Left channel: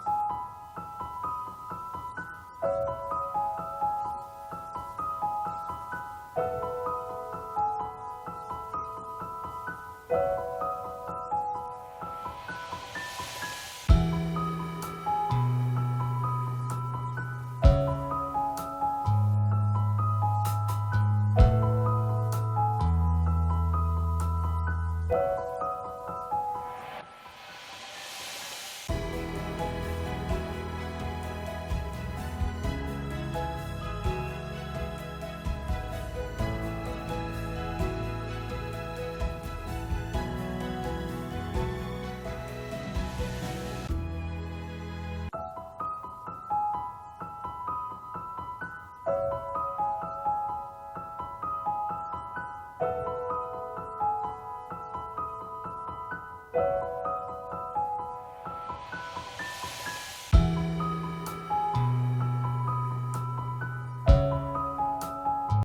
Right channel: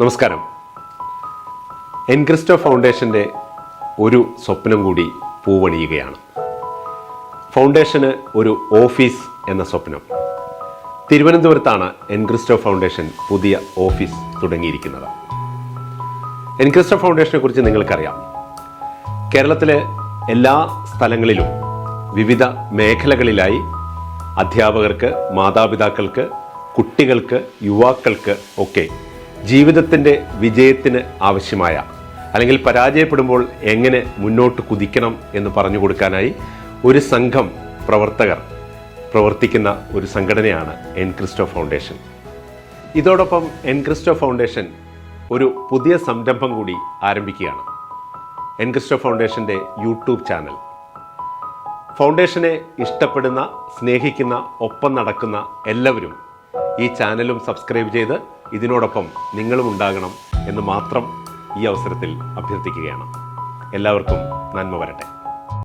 നമസ്കാരം. എൻക്രിസ്റ്റോ ഫൗണ്ടേഷൻ്റെ ഒരു സ്വപ്നം കൂടി പൂവണിയുകയാണ്. ഫൗണ്ടേഷന് ഒരു ഓഫീസ് എന്ന സ്വപ്നം. തിരുവനന്തപുരത്താണ് എൻക്രിസ്റ്റോ ഫൗണ്ടേഷൻ പുതിയ ഓഫീസ് തുടങ്ങിയിരിക്കുന്നത്. എൻക്രിസ്റ്റോ ഫൗണ്ടേഷനെ കുറിച്ച് നിങ്ങൾക്കറിയാം. കേരളത്തിലെ എല്ലാ സ്ഥലങ്ങളിലും വിവിധ മേഖലകളിലായി അധ്യാപകർക്ക്, മാതാപിതാക്കൾക്ക്, കുട്ടികൾക്ക്, യുവാക്കൾക്ക് ഒക്കെ ജീവിതത്തിൻ്റെ വിജയത്തിന് ആവശ്യമായ അല്ലെങ്കിൽ പരാജയപ്പെടുമ്പോൾ എങ്ങനെ മുന്നോട്ട് കുതിക്കണം എന്ന് പറഞ്ഞു കൊടുക്കാനായി ഒരു സംഘം പ്രവർത്തകർ പ്രവർത്തിക്കുന്ന ഒരു സംഘടനയാണ് എൻക്രിസ്റ്റോ ഫൗണ്ടേഷൻ. ഇതോടൊപ്പം എൻക്രിസ്റ്റോ ഫൗണ്ടേഷൻ ഒരു പുതിയ സംരംഭം കൂടി ആരംഭിക്കുകയാണ്. എൻക്രിസ്റ്റോ ഫൗണ്ടേഷൻ്റെ യൂട്യൂബ് ചാനൽ. ഫൗണ്ടേഷനെ ഇഷ്ടപ്പെടുന്ന, സ്നേഹിക്കുന്ന, ഒപ്പം നടക്കുന്ന എല്ലാവരും ഈ ചാനലും സബ്സ്ക്രൈബ് ചെയ്ത് ഇതിനോടൊപ്പം നിങ്ങളും ഉണ്ടാകണം എന്ന് മാത്രം ഈ അവസരത്തിൽ അഭ്യർത്ഥിക്കുകയാണ്. എല്ലാവർക്കും നന്മ വരട്ടെ.